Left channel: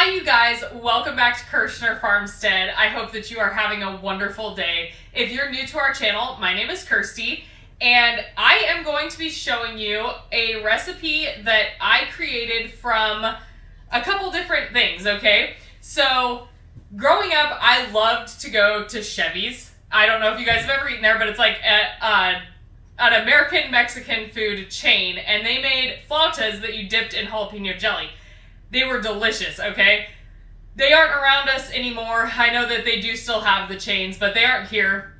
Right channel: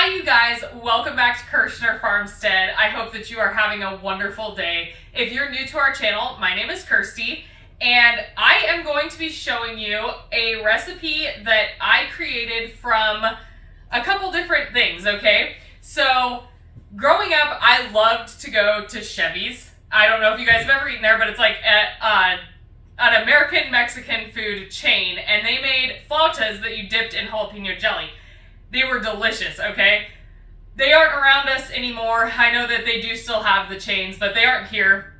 Hi you guys, welcome back to Kirshner Farmstead. I hope that you are having a wonderful day. If you're new to our channel, my name is Kirsty, and I am going to be showing you a recipe that I created from a couple different things, okay? So, growing up, I loved to go to Chevy's. I don't know if you guys have ever eaten there, but it's like an American Mexican food chain, and they made flautas that you dipped in jalapeno jelly. They were delicious, okay? They aren't around us anymore. I know that they do still have the chains, but they aren't here.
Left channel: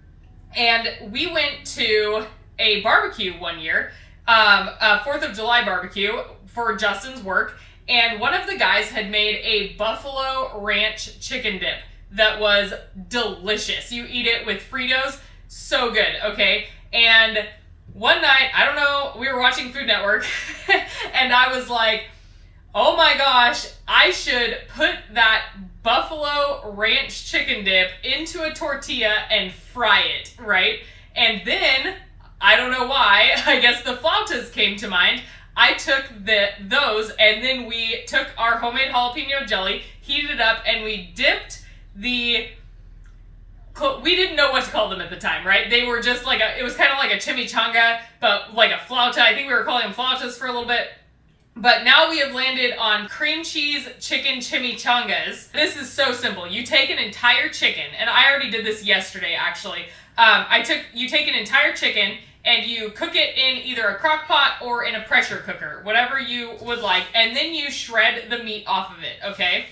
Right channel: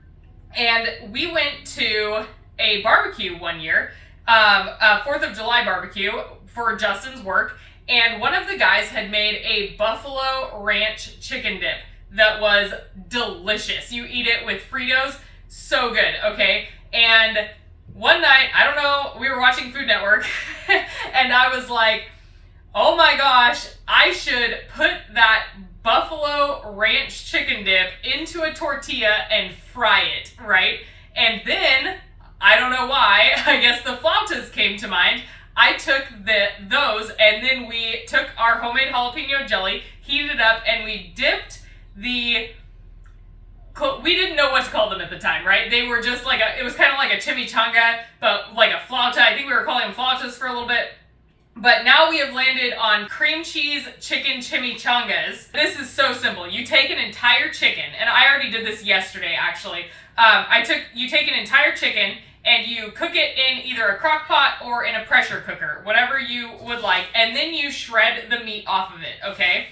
And we went to a barbecue one year, a 4th of July barbecue for Justin's work, and one of the guys had made a buffalo ranch chicken dip that was delicious. You eat it with Fritos, so good, okay? And one night, I don't know, we were watching Food Network, and I was like, oh my gosh, I should put that buffalo ranch chicken dip into a tortilla and fry it, right? And then, I don't know why, I guess the flautas came to mind. I took those, and then we took our homemade jalapeno jelly, heated it up, and we dipped we didn't know what to call them at the time, right? They were just like it was kind of like a chimichanga, but like a flauta. I think we were calling them flautas for a little bit. But now we have landed on cream cheese chicken chimichangas. This is so simple. You take an entire chicken, and I already did this yesterday actually. You take an entire chicken and you cook it in either a crock pot or in a pressure cooker, whatever you would like, and then you shred the meat off of it, okay?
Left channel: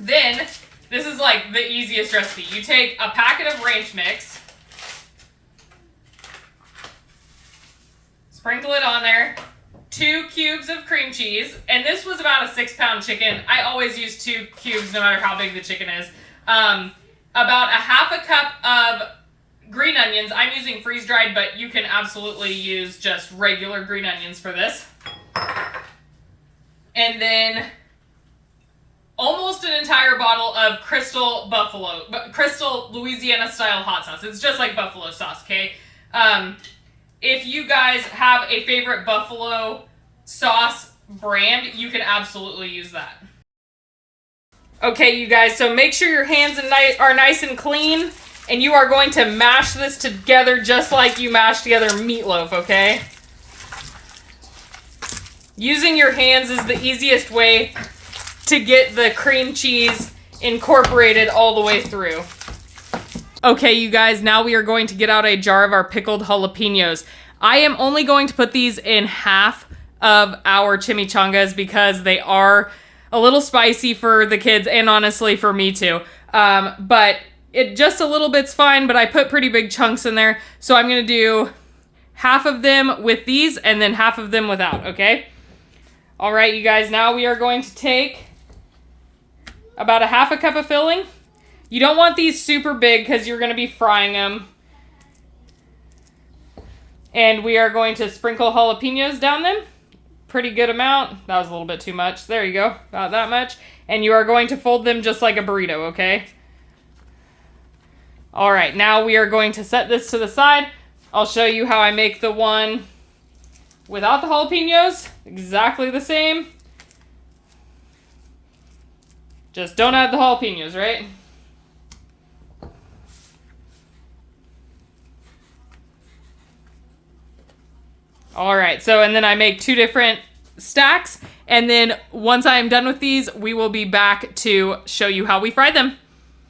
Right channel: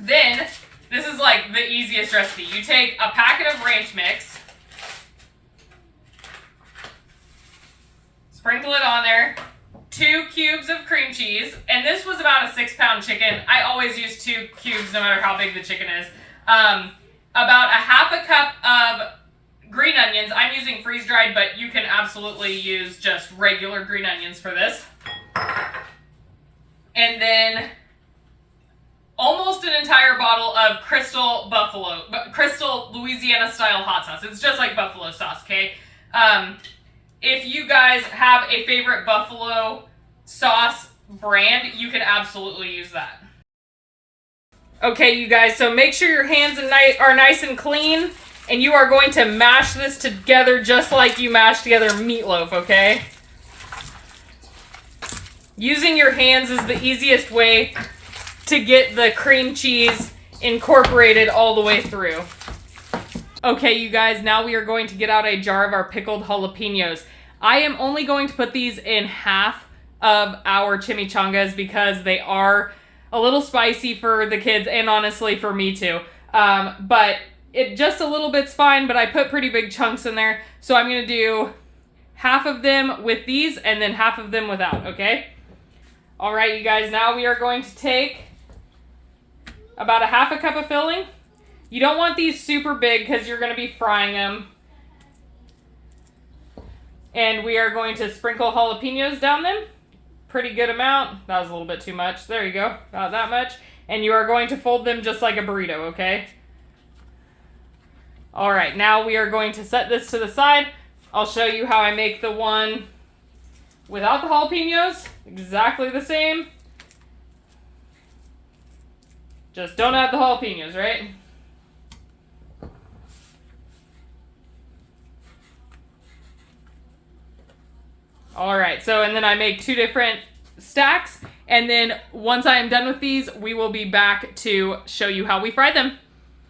Then, this is like the easiest recipe. You take a packet of ranch mix, sprinkle it on there, 2 cubes of cream cheese, and this was about a 6-pound chicken. I always use 2 cubes no matter how big the chicken is. About a half a cup of green onions. I'm using freeze-dried, but you can absolutely use just regular green onions for this. And then almost an entire bottle of Crystal Louisiana style hot sauce. It's just like buffalo sauce, okay? If you guys have a favorite buffalo sauce brand, you can absolutely use that. Okay, you guys, so make sure your hands are nice and clean, and you are going to mash this together just like you mash together meatloaf, okay? Using your hands is the easiest way to get the cream cheese incorporated all the way through. Okay, you guys, now we are going to get out a jar of our pickled jalapenos. I am only going to put these in half of our chimichangas because they are a little spicy for the kids and honestly for me too. But it just a little bit's fine, but I put pretty big chunks in there. So I'm gonna do half of them with these and then half of them without, okay? All right, you guys, now we are going to take about a half a cup of filling. You don't want these super big because you're going to be frying them. And we are going to sprinkle jalapenos down them. Pretty good amount. That was a little bit too much. There you go. About that much. And you are going to fold them just like a burrito, okay? All right, now we are going to set this to the side. I'll show you how I make the one without the jalapenos. Exactly the same. Just don't add the jalapenos, right? All right, so and then I make 2 different stacks, and then once I am done with these, we will be back to show you how we fry them.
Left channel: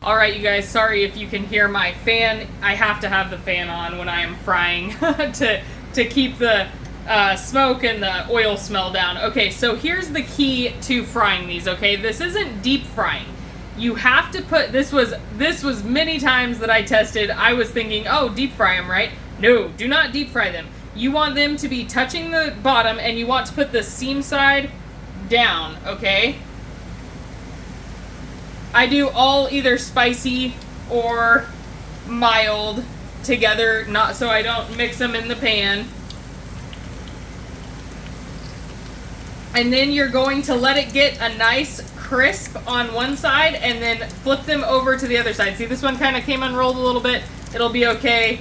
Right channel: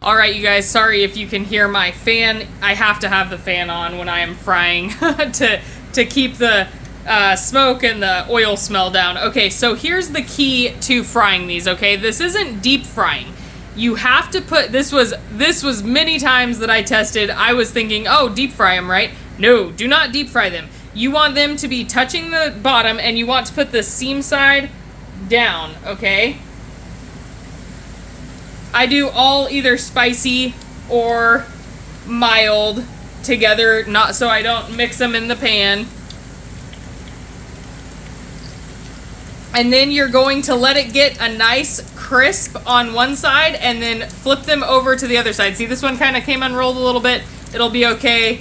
All right, you guys, sorry if you can hear my fan. I have to have the fan on when I am frying to keep the smoke and the oil smell down. Okay, so here's the key to frying these, okay? This isn't deep frying. You have to put, this was many times that I tested, I was thinking, oh, deep fry them, right? No, do not deep fry them. You want them to be touching the bottom, and you want to put the seam side down, okay? I do all either spicy or mild together, not so I don't mix them in the pan. And then you're going to let it get a nice crisp on one side and then flip them over to the other side. See, this one kind of came unrolled a little bit. It'll be okay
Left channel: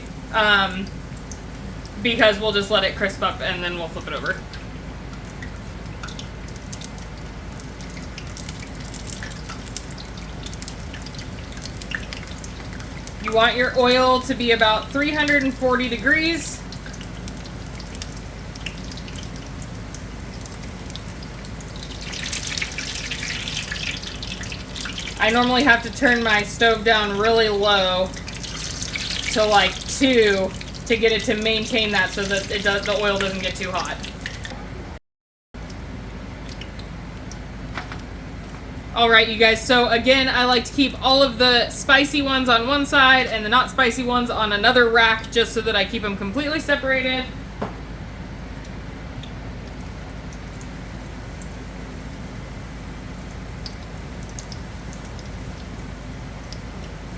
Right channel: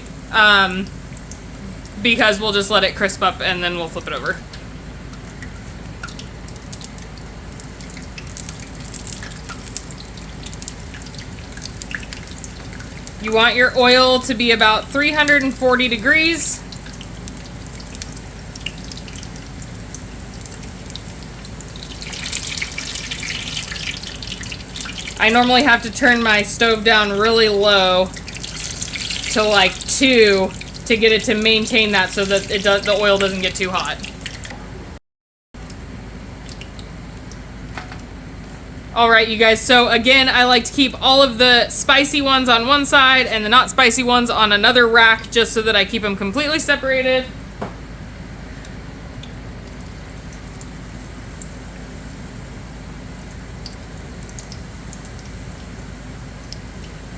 because we'll just let it crisp up and then we'll flip it over. You want your oil to be about 340 degrees. I normally have to turn my stove down really low to like 2 to get it to maintain that so that the oil doesn't get too hot. Alright, you guys, so again, I like to keep all of the spicy ones on one side and the not spicy ones on another rack just so that I keep them completely separated.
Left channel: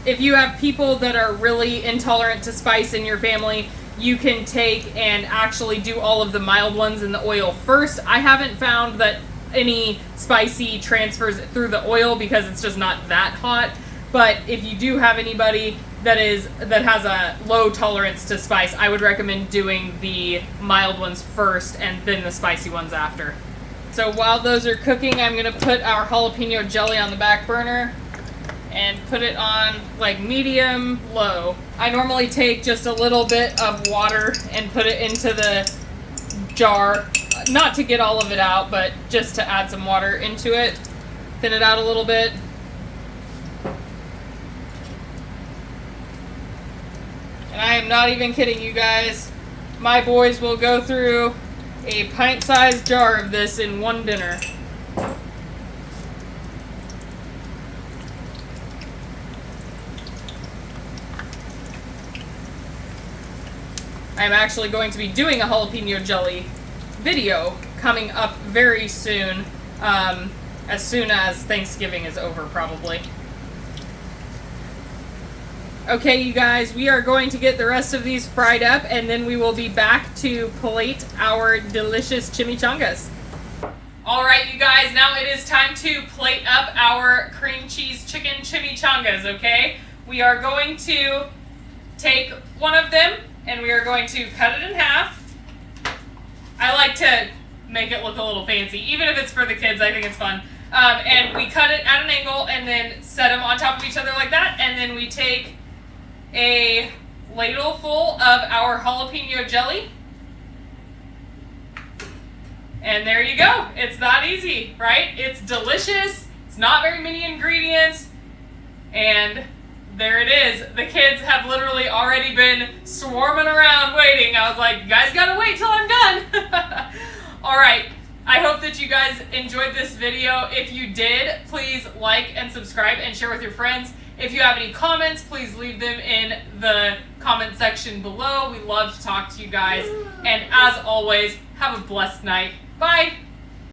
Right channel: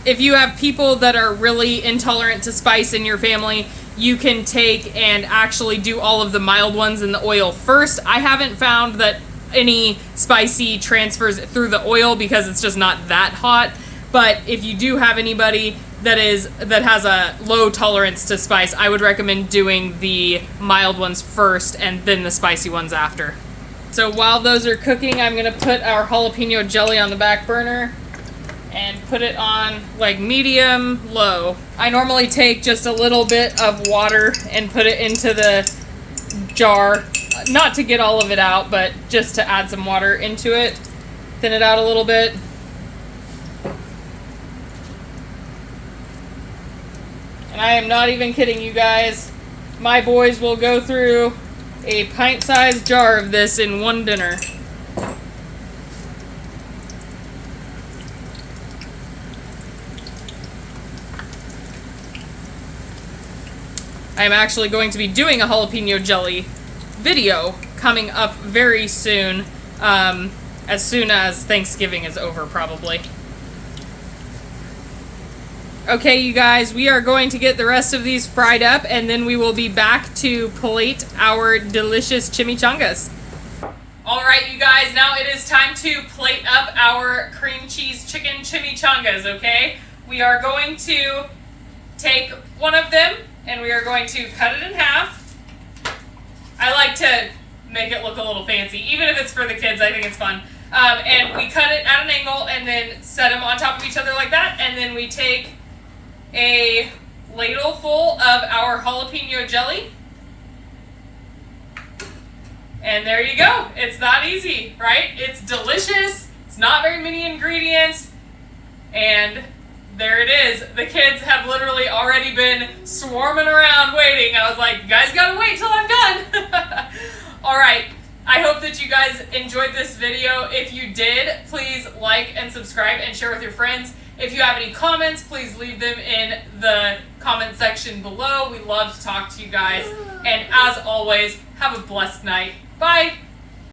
If you have people that are really intolerant to spice in your family, you can take and actually do all of the mild ones in the oil first. I haven't found that any spicy transfers through the oil because it's just not that hot. But if you do have anybody that has a low tolerance to spice, I would recommend doing the mild ones first and then the spicy ones after. So while those are cooking, I'm gonna put our jalapeno jelly on the back burner and put it on like medium low. I normally take just a little bit of water and put it into the jar, not to get all of it out, but just to add some water into it, thin it out a little bit. And I am not even kidding you guys, my boys will go through a pint-sized jar of this in one dinner. I'm actually going to be doing a jalapeno jelly video coming up very soon as Thanksgiving is over, probably. Okay, you guys, we are going to get the rest of these fried up, and then we will be back to plate our delicious chimichangas. All right, you guys, now it is time to plate up our cream cheese chicken chimichangas, okay? We are going to take one of them, and we are going to cut it in half. I like to make it look a little fancy, even if it's for the kids. I think it's fun. And we cut it at an angle and then set them on top of each other like that. And then we take a ladle full of our jalapeno jelly. And there you go. It's that easy, right? It's delicious. It's not very many ingredients. And there it is. The kids have literally already been swarming around waiting. I was like, you guys gotta wait till I'm done. All right. I hope that you guys enjoyed this video. If you did, please like and subscribe and share with your friends. If you have any comments, please leave them in the comment section below. We love to talk to you guys. And as always, have a blessed night. Bye.